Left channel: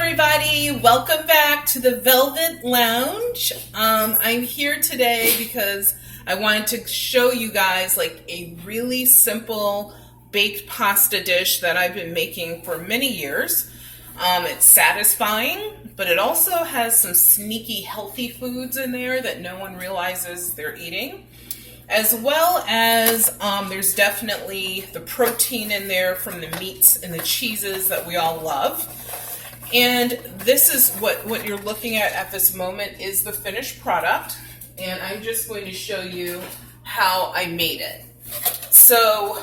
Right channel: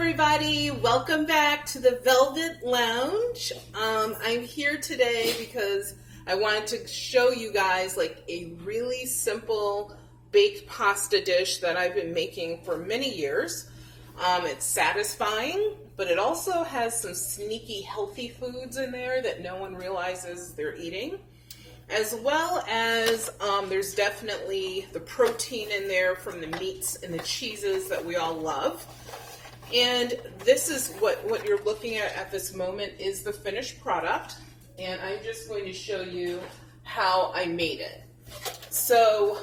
everybody, welcome back to the Velvet Lounge. I'm here today because I wanted to show you guys like a really simple baked pasta dish that I've been making for many years. It's satisfying, but it also has some sneaky healthy foods in there that no one realizes they're eating. As well as there's definitely the protein in there from the meats and the cheeses that we all love. And this is what you're looking at this moment is the finished product. And I'm just going to show you how I made it. So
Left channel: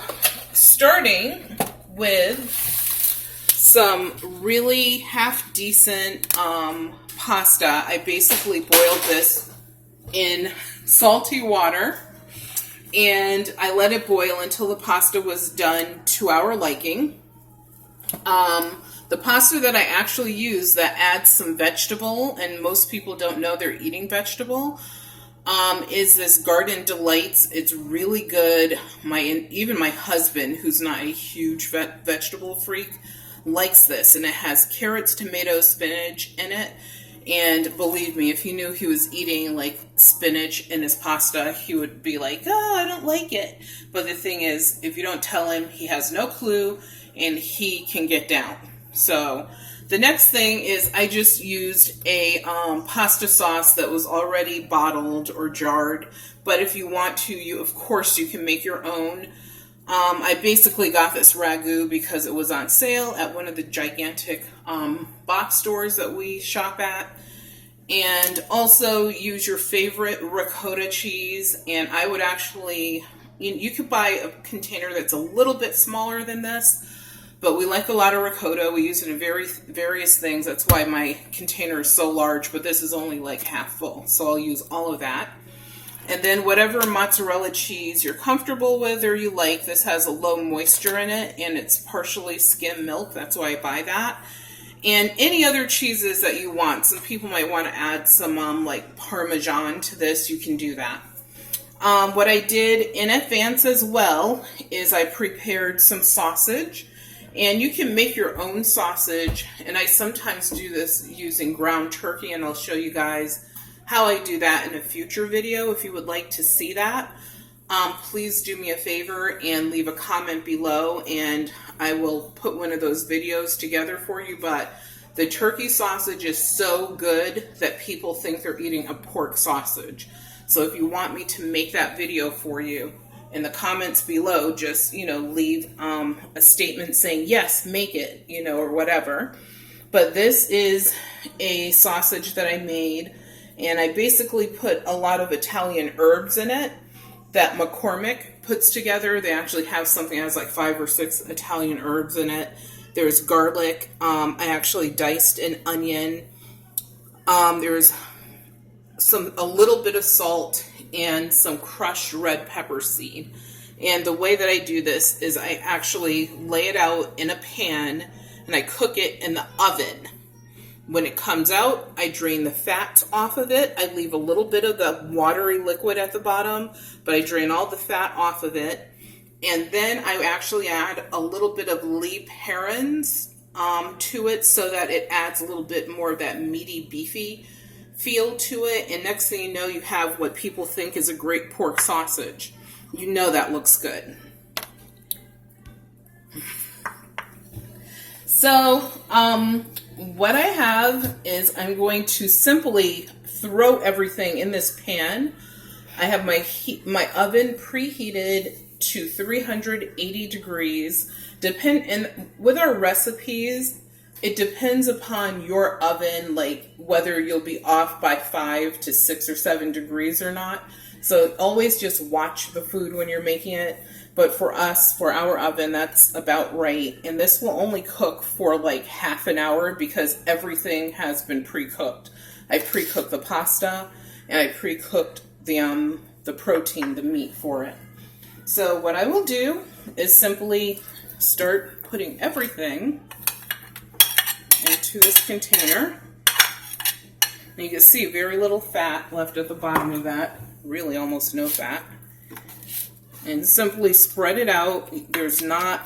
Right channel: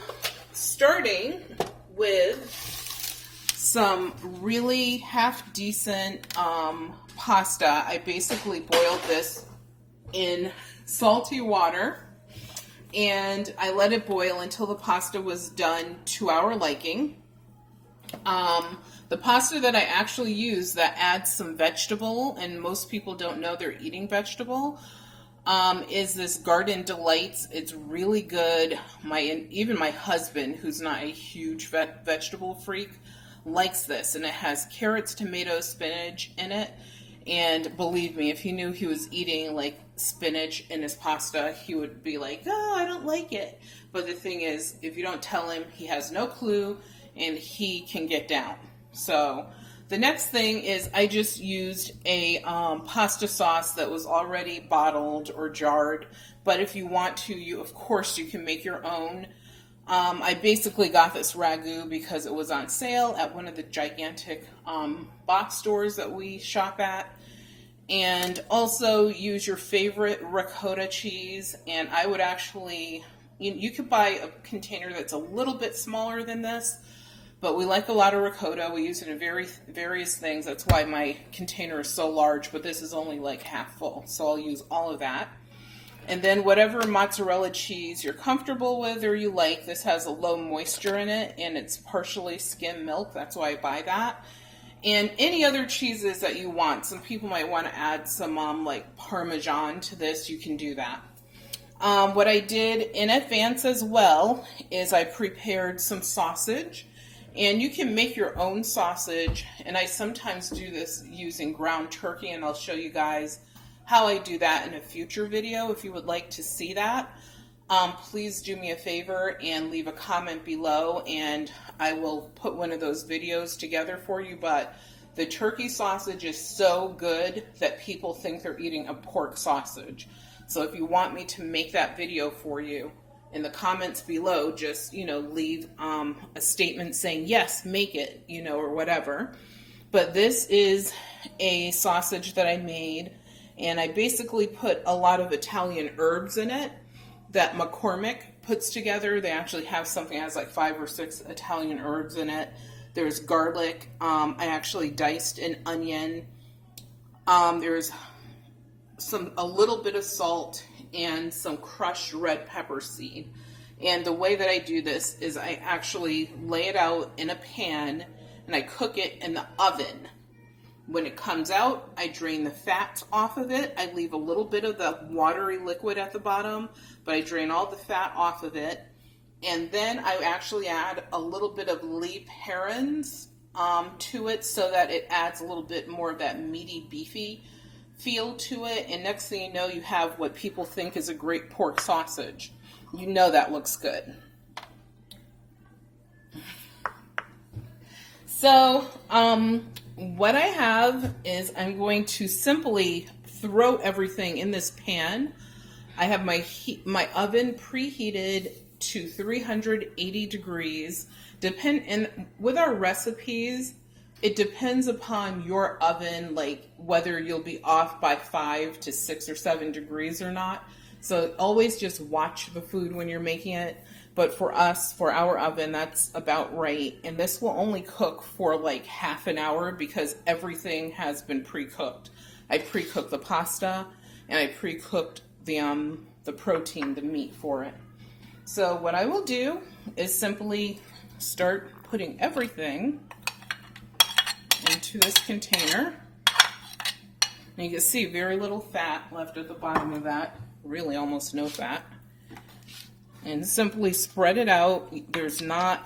starting with some really half decent pasta. I basically boiled this in salty water. And I let it boil until the pasta was done to our liking. The pasta that I actually use that adds some vegetable, and most people don't know they're eating vegetable, is this Garden Delights. It's really good. Even my husband, who's not a huge vegetable freak, likes this. And it has carrots, tomatoes, spinach in it. And believe me, if he knew he was eating like spinach in his pasta, he would be like, oh, I don't like it. But the thing is, if you don't tell him, he has no clue and he can get down. So the next thing is I just used a pasta sauce that was already bottled or jarred. But if you want to, of course, you can make your own. I basically got this ragu because it was on sale at one of the gigantic box stores that we shop at. And also use your favorite ricotta cheese. And I would actually, you could buy a container that's a little bit smaller than this. But we like a lot of ricotta. We use it in various things. That's why my container is so large. But this is only like half full. So I'll use all of that. And then whatever mozzarella cheese you're comfortable with or you like, this has a low moisture in it, and it's partially skim milk. That's why I buy that. And any other cheeses that you want. Some people might want to add some like Parmesan to this. You can do that. What I did in advance as well is I prepared some sausage. And you can make your own sausage. And I sometimes do this using ground turkey, and I'll show you guys how I do that in a future video. If you would like to see that, please do me a favor and leave a comment below, and I will put one of those videos together for you. But the turkey sausage is so good that people think they're eating a pork sausage. So if you want me to make that video for you, in the comments below, just, leave a statement saying, yes, make it, or whatever. But this is a sausage that I made. And I basically put a lot of Italian herbs in it that McCormick puts together. They actually have something that has like 5 or 6 Italian herbs in it. There's garlic. I actually diced an onion. There's a little bit of salt and some crushed red pepper seed. And the way that I do this is I actually lay it out in a pan and I cook it in the oven. When it comes out, I drain the fat off of it. I leave a little bit of the watery liquid at the bottom, but I drain all the fat off of it. And then I actually add a little bit of leap herons to it so that it adds a little bit more of that meaty, beefy feel to it. And next thing you know, you have what people think is a great pork sausage. You know that looks good. So, what I have is I'm going to simply throw everything in this pan. I have my oven preheated to 380 degrees. With our recipes, it depends upon your oven, like whether you'll be off by 5 to 6 or 7 degrees or not. So always just watch the food when you're making it. But for us, for our oven, that's about right. And this will only cook for like half an hour because everything has been pre-cooked. I pre-cooked the pasta and I pre-cooked the protein, the meat for it. So what I will do is simply start putting everything into this container. And you can see very little fat left at the bottom of that. Really almost no fat. And simply spread it out. There's no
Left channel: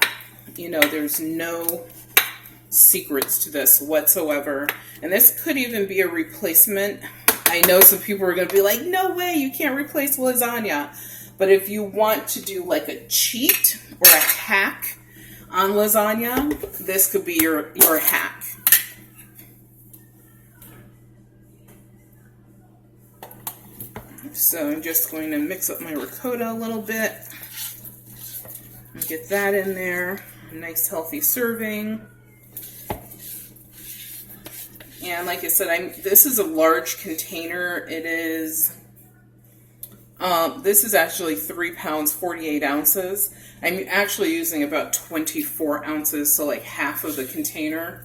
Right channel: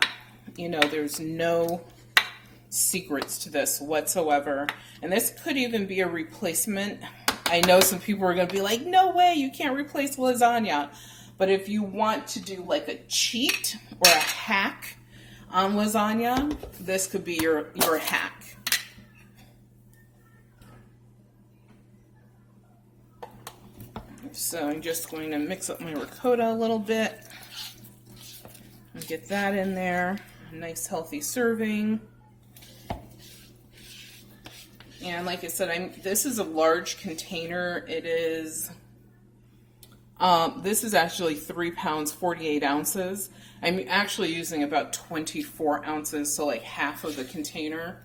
secrets to this whatsoever. And this could even be a replacement. I know some people are going to be like, no way, you can't replace lasagna. But if you want to do like a cheat or a hack on lasagna, this could be your hack. So I'm just going to mix up my ricotta a little bit and get that in there. A nice healthy serving. And like I said, this is a large container. It is, this is actually 3 pounds, 48 ounces. I'm actually using about 24 ounces, so like half of the container.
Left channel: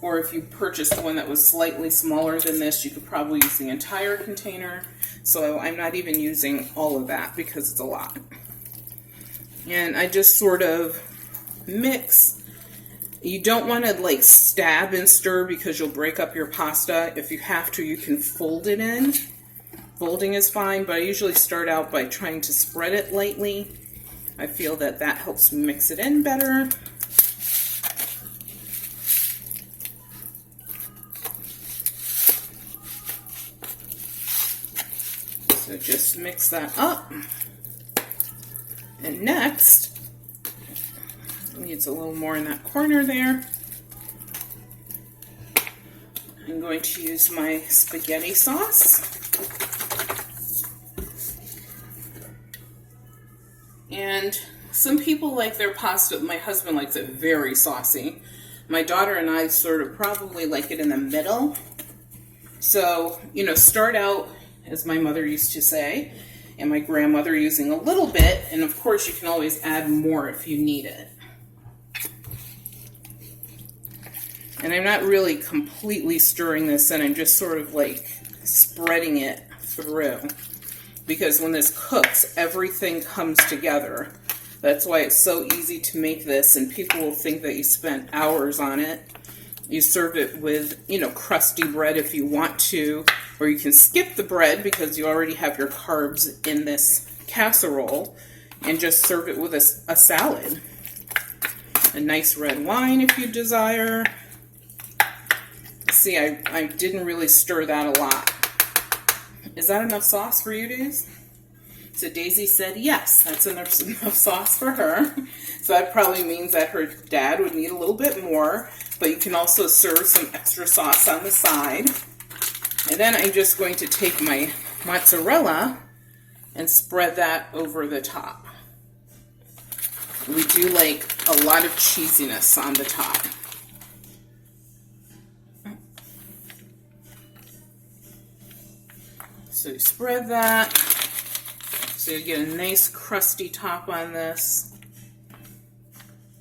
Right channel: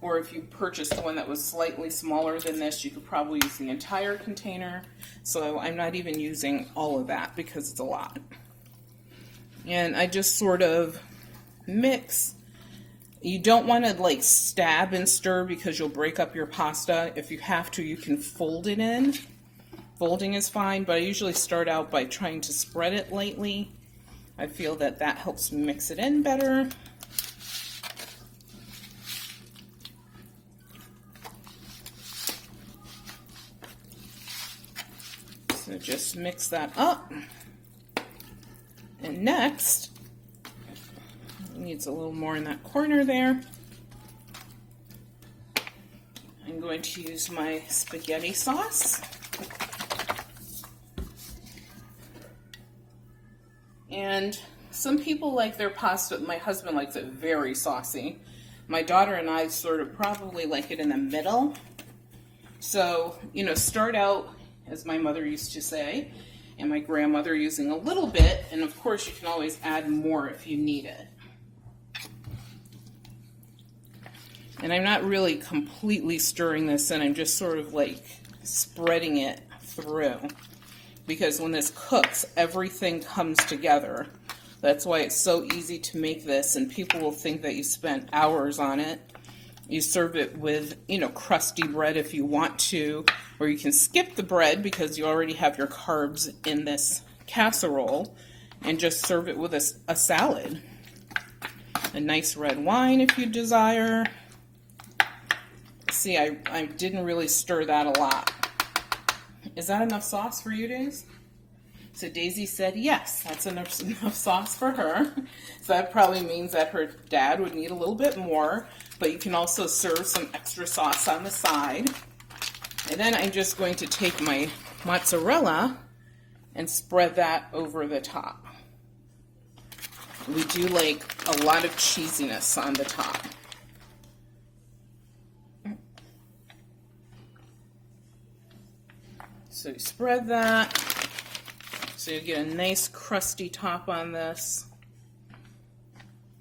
Or if you purchased one that was slightly smaller than this, you could probably use the entire container. So I'm not even using all of that because it's a lot. And I just sort of mix. You don't want to like stab and stir because you'll break up your pasta. If you have to, you can fold it in. Folding is fine, but I usually start out by trying to spread it lightly. I feel that that helps mix it in better. So just mix that up. And next, it needs a little more in that corner there. I'm going to use my spaghetti sauce. And some people like their pasta, my husband likes it very saucy. My daughter and I sort of probably like it in the middle. So, you know, start out, as my mother used to say, and my grandmother, using a little bit, and of course you can always add more if you need it. And I'm not really completely stirring this in, I'm just sort of like spreading it through. Because when this cooks, everything comes together. That's why it's so easy to make this, and people will think that you spent hours on it. You serve it with, you know, crusty bread if you want to, or you can skip the bread because you already have your carbs in this casserole, and just serve it with a salad. A nice red wine if you desire. See, I didn't really stir that a lot. Is that enough sauce for you, Daisy? So Daisy said yes, that's enough sauce for her. So that probably means that her dad would need a little bit more, but you can also serve some extra sauce on the side. And then I'm just going to take my mozzarella and spread that over the top. We do like a lot of cheesiness on the top. So you spread that, so you get a nice crusty top on this.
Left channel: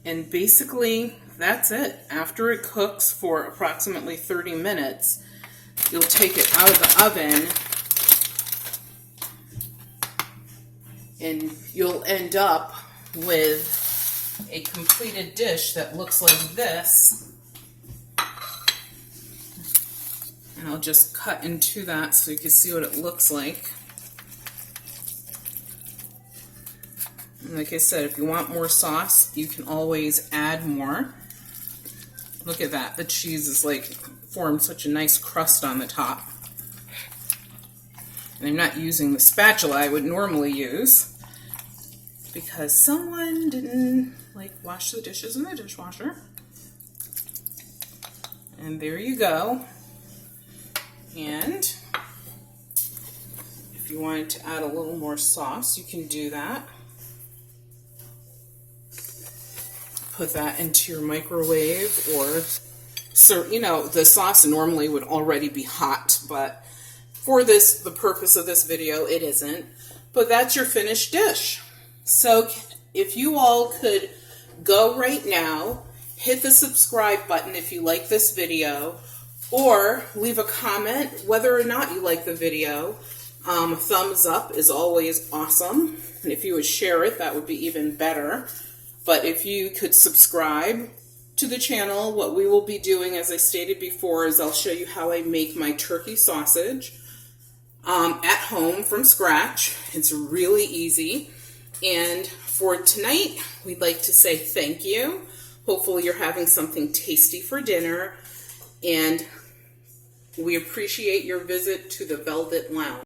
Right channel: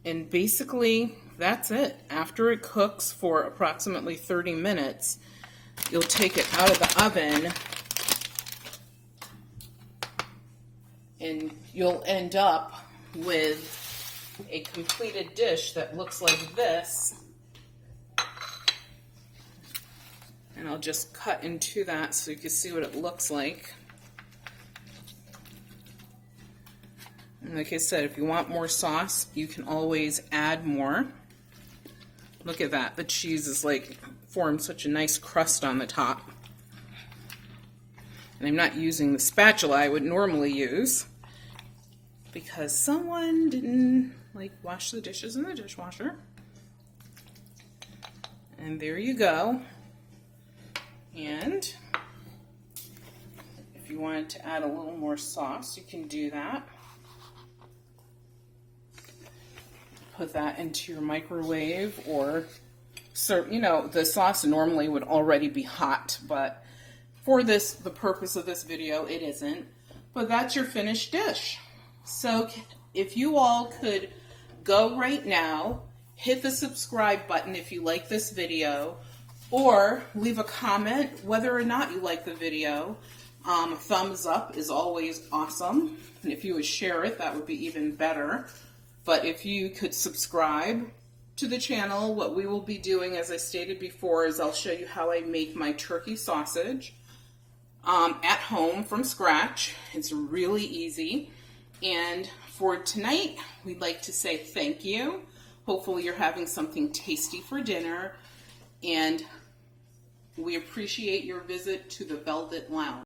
And basically, that's it. After it cooks for approximately 30 minutes, you'll take it out of the oven, and you'll end up with a completed dish that looks like this. And I'll just cut into that so you can see what it looks like. And like I said, if you want more sauce, you can always add more. Look at that. The cheese is like formed such a nice crust on the top. And I'm not using the spatula I would normally use because someone didn't like wash the dishes in the dishwasher. And there you go. And if you wanted to add a little more sauce, you can do that. Put that into your microwave, or, so, you know, the sauce normally would already be hot, but for this, the purpose of this video, it isn't. But that's your finished dish. So if you all could go right now, hit the subscribe button if you like this video, or leave a comment whether or not you like the video. Thumbs up is always awesome. And if you would share it, that would be even better. But if you could subscribe to the channel, what we will be doing, as I stated before, is I'll show you how I make my turkey sausage at home from scratch. It's really easy. And for tonight, we'd like to say thank you. Hopefully you're having something tasty for dinner, and we appreciate your visit to the Velvet Lounge.